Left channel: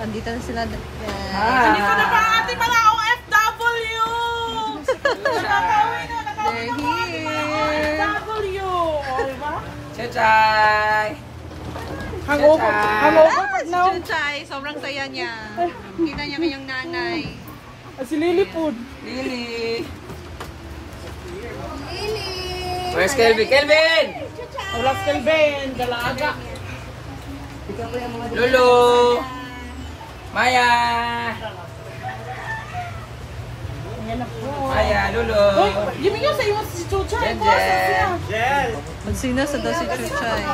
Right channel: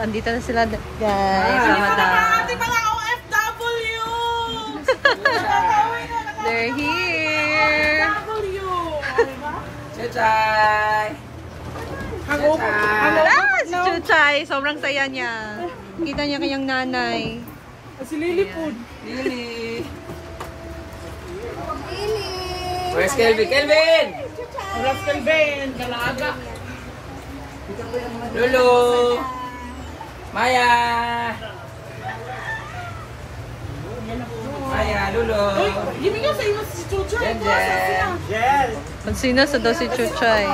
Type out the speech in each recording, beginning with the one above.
Andito na sila, guys. Andito na mga ating mga OFW! They're here! OFW! Chuchay! Si Chuchay, sobrang saya niya. Kita niya kanyang nanay. Si Lilliput. Lily! Where's Kelvin? Kelvin! Where's Kelvin? Dalaga. Lulu! Maya! Maya, Lulu! Yung nga sa iyo si Chuchay. Jen! Magsina sa daw si Chuchay.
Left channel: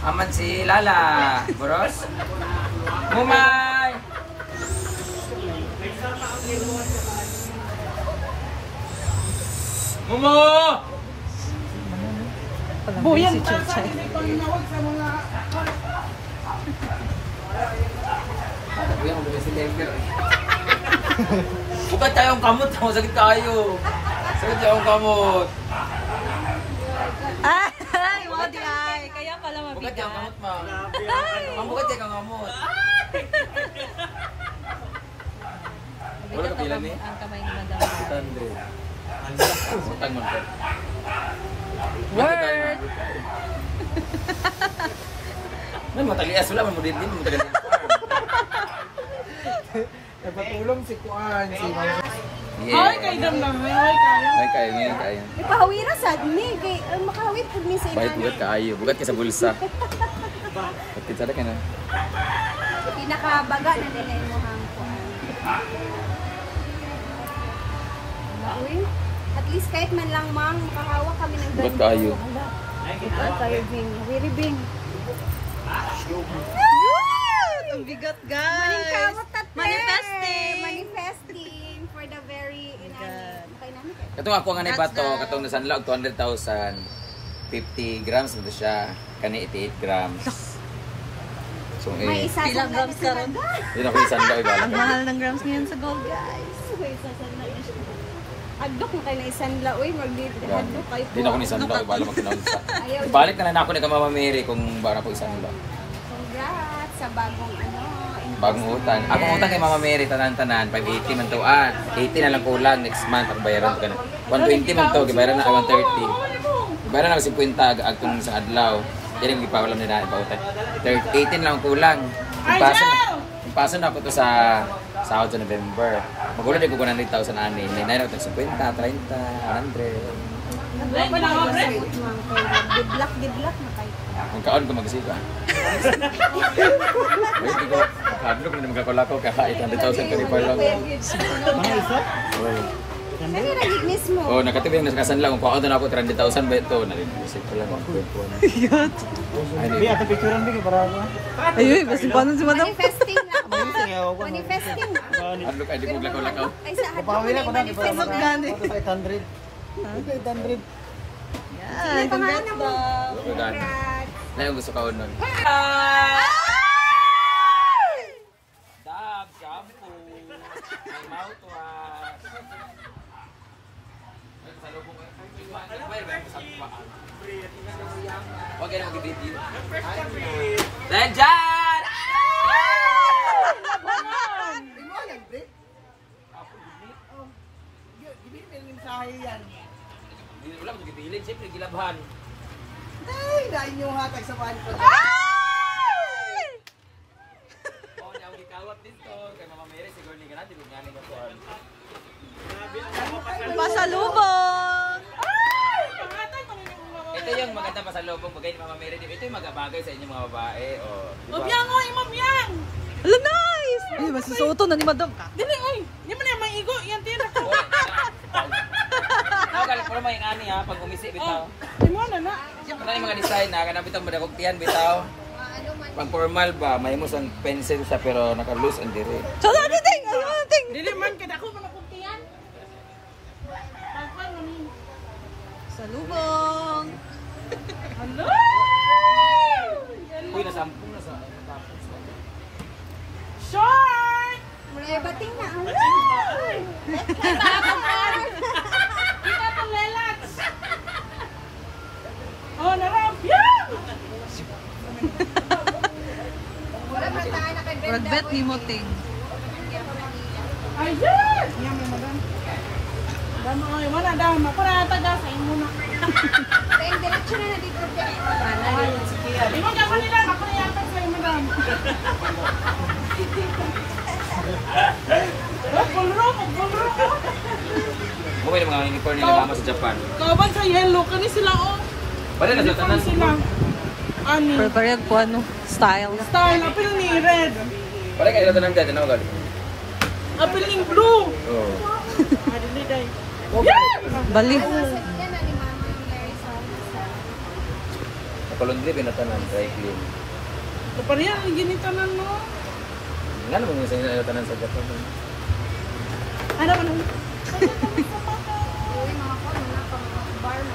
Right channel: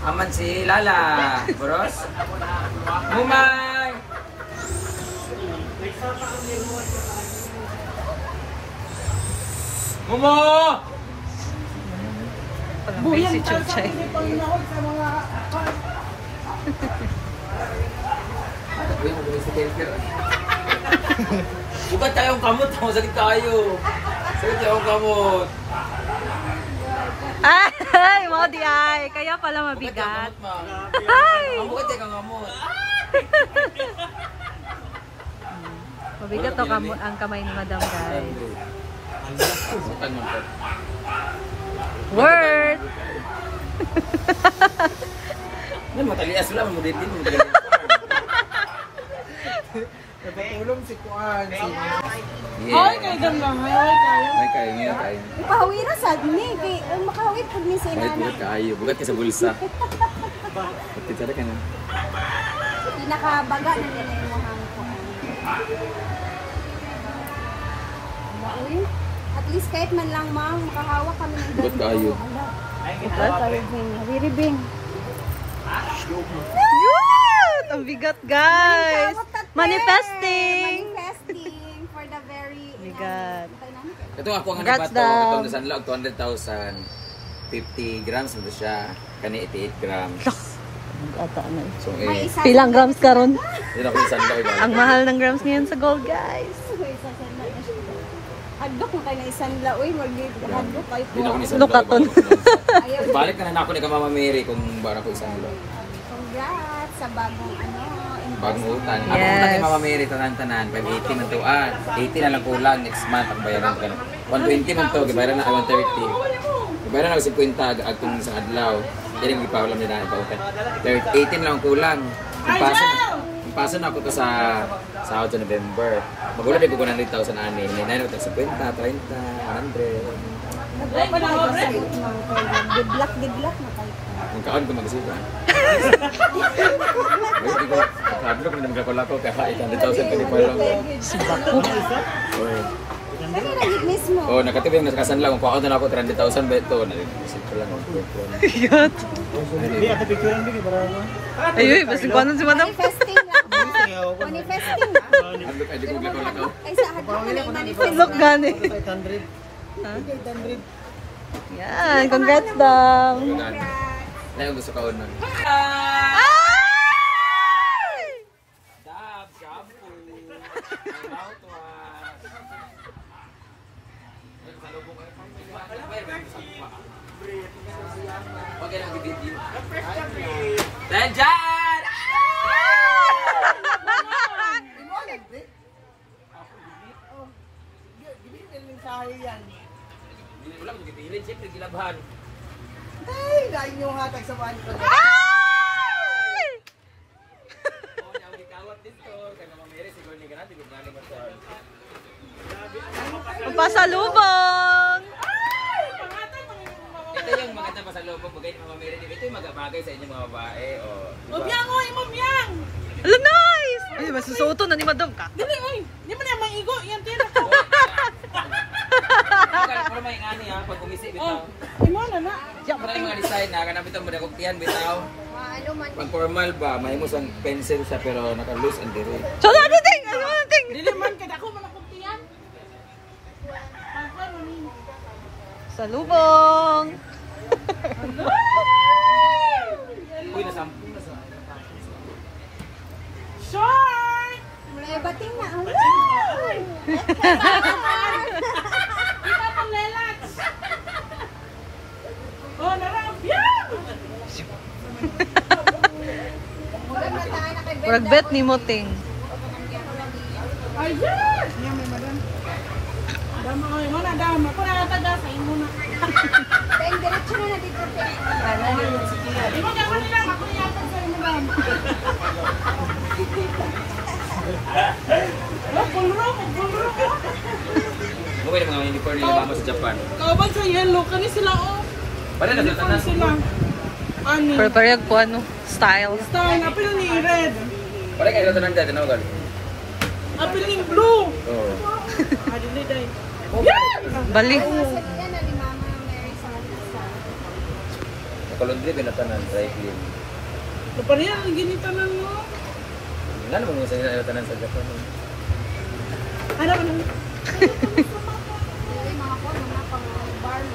Aman si Lala! Boros? Mumay! Momo! Palambay si Chuchay. Bukan tayong kamot, sakit kayo. Sakit tayong kamot. Ay, mga di ay. Kaya pala Bukan tayong mabigat. kamot, ma'am. Ay! Bukan tayong kamot. Mabigat ang kamay ni Madam. Utang mo po. Word! May matalias wala, may mudin din. Nagpatulong si Kuan, si Ay, kayo lang naman. Ay, kayo. Ay, kayo, kayo. Ipahawira sa ni kay makahawit pud ni sa Bakit bugat inana. kaayo? Bugat ka sa bulsa. Bakit sada ka na? Pinakabaga na nila imong kuan. Uy, at least kahit man lang mang makahawak kami ng Bugat kaayo. Bugat tayo din. Really bing. Yun! Ang bigat, guys! Manifesting! Manifesting! For the very My God. Ito ako nga ni Congrats Bato, daw. katong nasanlag 200,000. 50 grams mo siya. Kani 88 grams. So, May isa Pilang grams ka ron? yun ako isang daw iba. Ang mahal ng grams niyan sa gold, guys. Hadlok mo kayo na isang laoy, mag-hadlok kayo po. Hindi na ako isang Look daw. at on. Ayaw. Balik na ako ni Mama Mary kung baka po isang daw. Congrats sa bagong Bagong utang. Yes. Ako utang kay Mama Mary tanan-tanan 580 man to. 80 na lang kulang next month ang bayaran ko. 120 man to, gibayaran na 130. Gibayaran na 50 agtong sa adlaw. Dili ang gipawlam ni nani pa utang. 18 lang kulang. Paso na ako to sa sahod sa November. Magulat ko 100,000 ani. May 50, 30, 100. Diblak na kayo. Kung kaon ko magsipa. Wait, ko kadlok na magkakulako ka 800,000 kani pa lang. Kani nagig mismo. Oh, nakatibay na kasan lang kung ako na ako 30,000 ba ito na rin. Isip ko lang 1.1. Bigat. Bi ato picturean bi para ano? Ayun, basta kuwanan si Madam. Manifesting lang. Manifesting lang. Adlok ay di ko lakaw. Ay sa hadlok na manifesting. Look, gani. 800. Ha? 800. Yan, congrats daw. Layo gusto ka nun. Dab, shampoo. Mouthwash. Okay lang gidid. Dahil dyan! Hindi mo lang magbibilin, siyempre gilabhan. Ay, dahil yung hatag sa bahan ko. Oo niya, ang ikawat dito. Kaya Mama Mary, siguro ni Ganati, lugaling ako. Pasalubong! Ito yung magandang pasalubong bagay ni Mama Mary. Ito yung magabagay sa inyong mga babae. Mabiyang, oy, mabiyang. Hello, nice! Ay, masusuto na ni Madam ka. Dili, oy. Di mo na maigo. Yan, tira ko. Pero may ingani ha, pag umisi bitaw. Di mo na na. Para yung mga design na, kanabitang mo na kuktihan bitaw. Pag formal ba, may mo ang pencil siya pero naka-loose ang diri. So, ano ting? Ano ting? Dili man, kada ko manapuntihan. Palpan, manin. Salubong! Hello! Uy, nasampung na sa... Short! Mula bating na. Kita pang lelats. Oh, narabiyang! Murag bet ni mo ting. Ayan! Yan may madam. Dama ko yung wala, dama. Kung nakataga sa imo na. Kaya diretso na dito. Imo ka ko nila, ako na yatag sa imo madam. Bulro. Okay na mga uniform nila mama sa Japan. Kaban sa yellow, kani sila oh. Pwede na Uniform sila. Ani. Pero parehag po ano, style. Style, apil ni red. Pwede kayo ito lang dyan, ano gal? Apil ni blue. Oo. Adili day. Yan! Bali. Yan na ni Mama Mary sa Kalundri, pinatanan, dry clean. Kaparihan, ginitanan mo. Nga naman yung sa tanan sa Japan. Ano ba nung?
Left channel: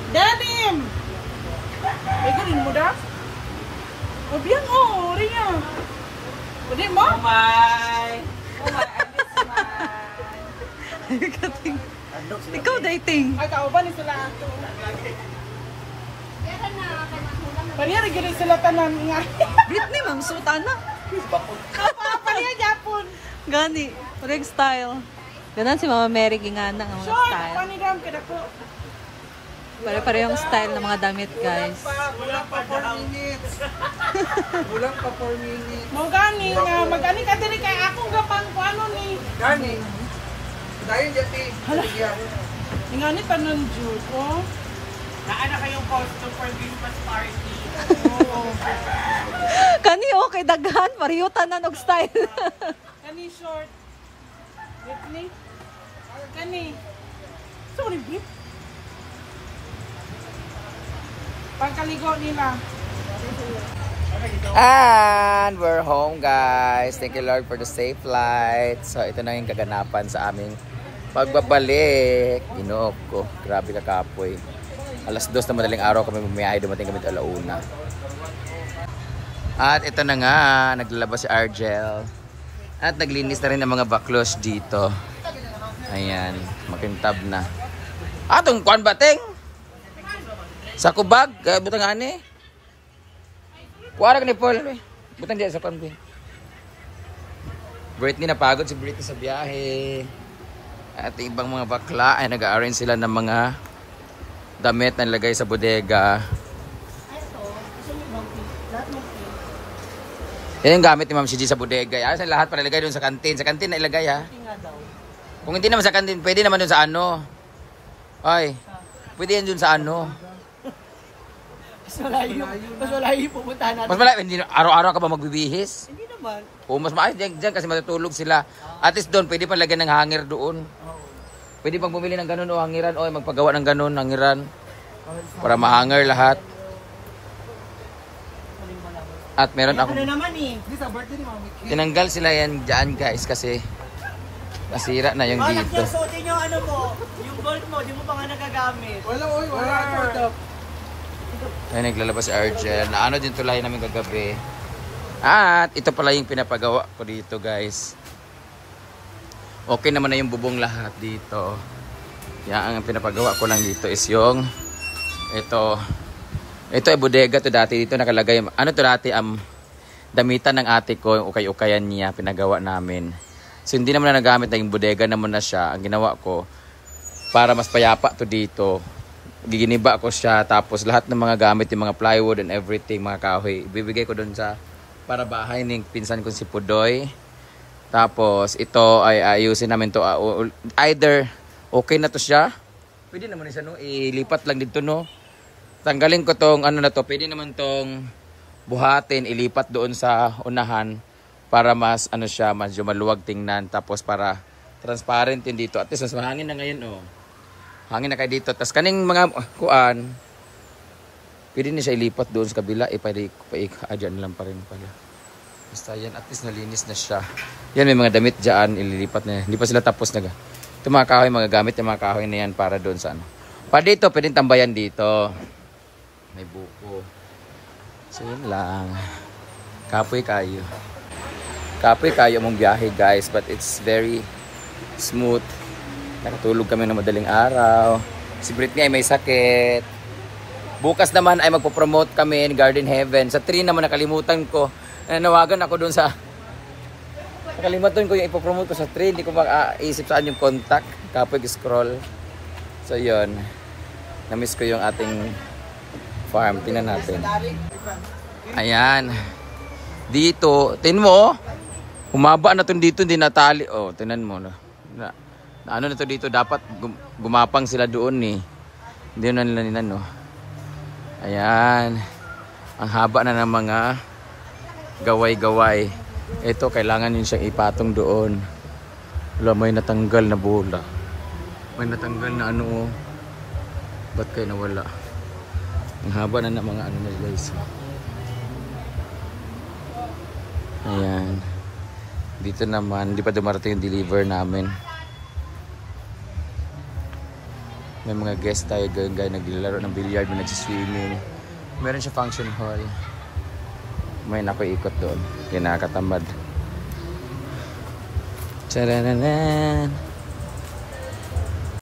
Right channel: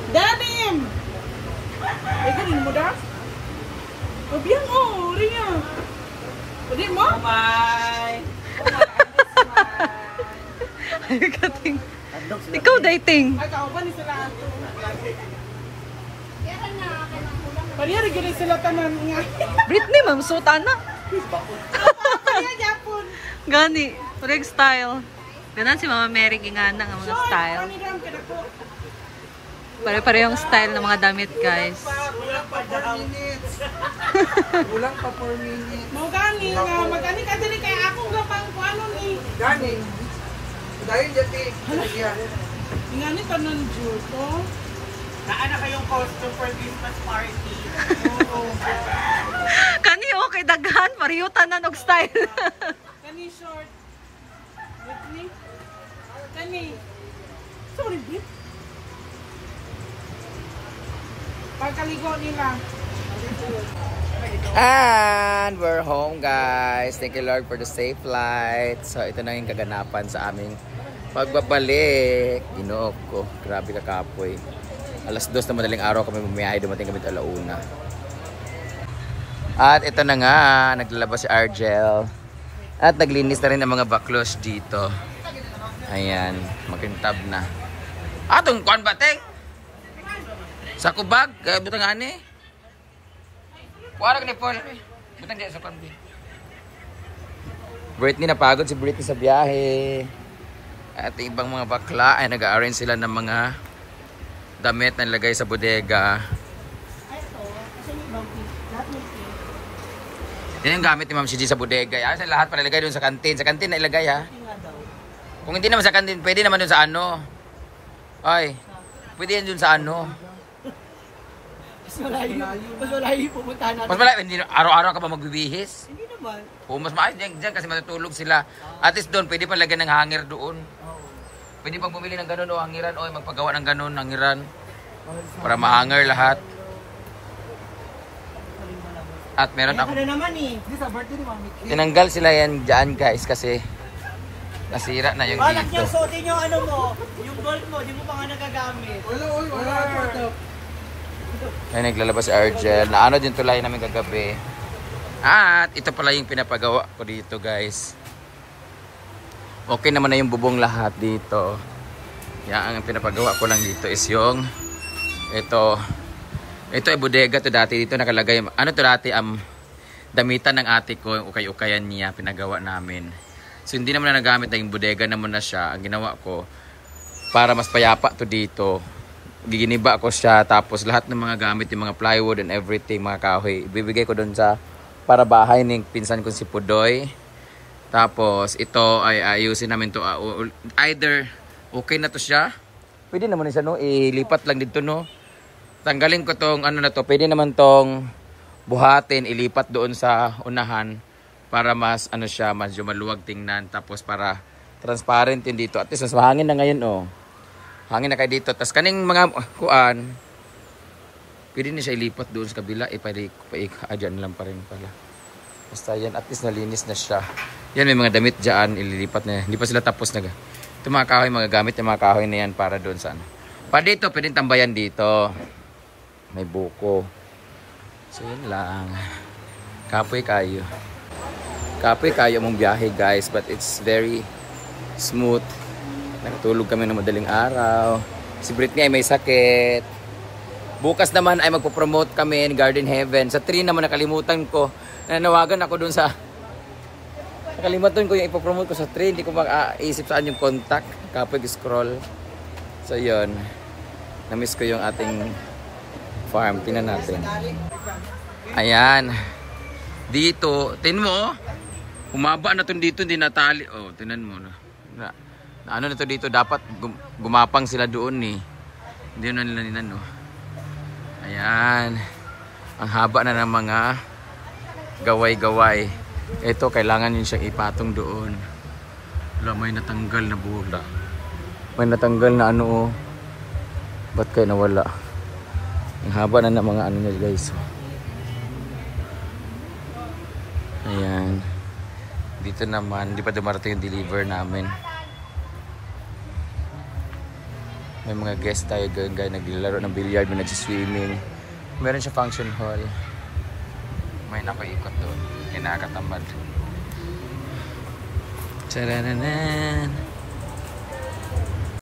Danim! Ay, ganin mo da? O, biyang o, ringa. Pwede mo? Bye! Kating. Ikaw dating. Ay, tao ba ni sila ato? Kaya na kailangan Parihan, gini sila tanan nga. Britney, ma'am, suta na. Parihan, yapon. Gani, parehag style. Ganon si Mama Mary gingana ng mga style. Paniram, kaya po. Pare-parehong style ng mga damit, guys. Kulang pa 4 minutes. Kulang pa 4 minutes. Mau gani nga, mag-ani ka din kay akong gapang ko ano ni. Ganing. Dahil dati, yan. Ingani tanan jud ko. Naana kayong costume for Christmas party. Kani okay daghan, pariyutan na og style. Kani short. With me. Kani. Sorry, bit. Pagkaligo nila. And we're home, guys. Thank you, Lord, for the safe flight. So, ito na yung kaganapan sa aming pagbabalik. Ginoo ko. Grabe ka kapoy. Alas 2 na madaling araw kami bumiyahe. Dumating kami alauna. At ito na nga. Naglalabas si Argel. At naglinis na rin ang mga baklos dito. Ayan. Makintab na. Atong kuan bating? Sa kubag? Butang ani? Kuwara ka ni Paul. Butang diyan sa kuan. Britney, napagod si Britney sa biyahe. At ibang mga bakla ay nag-arrange sila ng mga damit na nilagay sa bodega. Yan yung gamit ni Ma'am Shiji sa bodega. Sa lahat para ilagay doon sa kantin. Sa kantin na ilagay ha. Kung hindi naman sa kantin, pwede naman doon sa ano. Ay, pwede yan doon sa ano. Mas malayo pupuntahan natin. Mas malayo, hindi araw-araw ka ba magbibihis? Hindi naman. O mas maayos dyan kasi matutulog sila. At least doon, pwede pang lagyan ng hanger doon. Pwede pang bumili ng ganun o hangiran. O magpagawa ng ganun, hangiran. Para ma-hanger lahat. At meron ako. Ano naman eh. Hindi sa birthday ni Mami. Tinanggal sila yan dyan guys kasi nasira na yung Balak dito. niyo, suotin yung ano mo, yung gold mo, di mo pa nga nagagamit. Wala, oy, wala. Ay, naglalabas si Argel. Naano din tulay namin kagabi. At ito pala yung pinapagawa ko dito guys. Okay naman na yung bubong lahat dito. Yan, ang pinapagawa ko lang dito is yung ito ay bodega to dati. Dito nakalagay. Ano to dati? Damitan ng ate ko. Ukay-ukayan niya. Pinagawa namin. So hindi naman na nagamit na yung bodega naman na siya. Ang ginawa ko para mas payapa to dito. Giginiba ko siya. Tapos lahat ng mga gamit, yung mga plywood and everything, mga kahoy, ibibigay ko doon sa para bahay ng pinsan ko si Pudoy. Tapos ito ay ayusin namin to. Either okay na to siya. Pwede naman siya no. Ilipat lang dito no. Tanggalin ko tong ano na to. Pwede naman tong buhatin. Ilipat doon sa unahan. Para mas ano siya. Mas maluwag tingnan. Tapos para transparent din dito. At least mas mahangin na ngayon oh. Hangin na kayo dito. Tapos kaning mga kuan. Pwede na siya ilipat doon sa kabila. Dyan lang pa rin pala. Basta yan. At least nalinis na siya. Yan may mga damit dyan. Ililipat na. Hindi pa sila tapos na. Ito mga kahoy. Mga gamit yung mga kahoy na yan para doon sa ano. Pa dito. Pwede tambayan dito. May buko. So yun lang. Kapoy kayo. Kapoy kayo mong biyahe guys. But it's very smooth. Nakatulog kami ng madaling araw. Si Britney ay may sakit. Bukas naman ay magpo-promote kami in Garden Heaven. Sa 3 naman nakalimutan ko. Nanawagan ako dun sa Nakalimutan ko yung ipopromote ko sa trade. Hindi ko makaisip saan yung contact. Kapag scroll. So yun. Na-miss ko yung ating farm. Tingnan natin. Ayan. Dito. Tingnan mo. Humaba na ito dito. Hindi natali. Oh, tingnan mo. Na ano na ito dito. Dapat gumapang sila doon eh. Hindi na nila ninano. Ayan. Ang haba na ng mga gaway-gaway. Ito, kailangan yun siyang ipatong doon. Wala, may natanggal na bola. May natanggal na ano. Ba't kayo nawala? Ang haba na ng mga ano niya guys. Ayan. Dito naman, hindi pa dumarating yung deliver namin. May mga guest tayo guys, naglalaro ng billiard, may nagsiswimming. Meron siya function hall. May nakuikot doon. Yan nakakatamad. Tadadadan.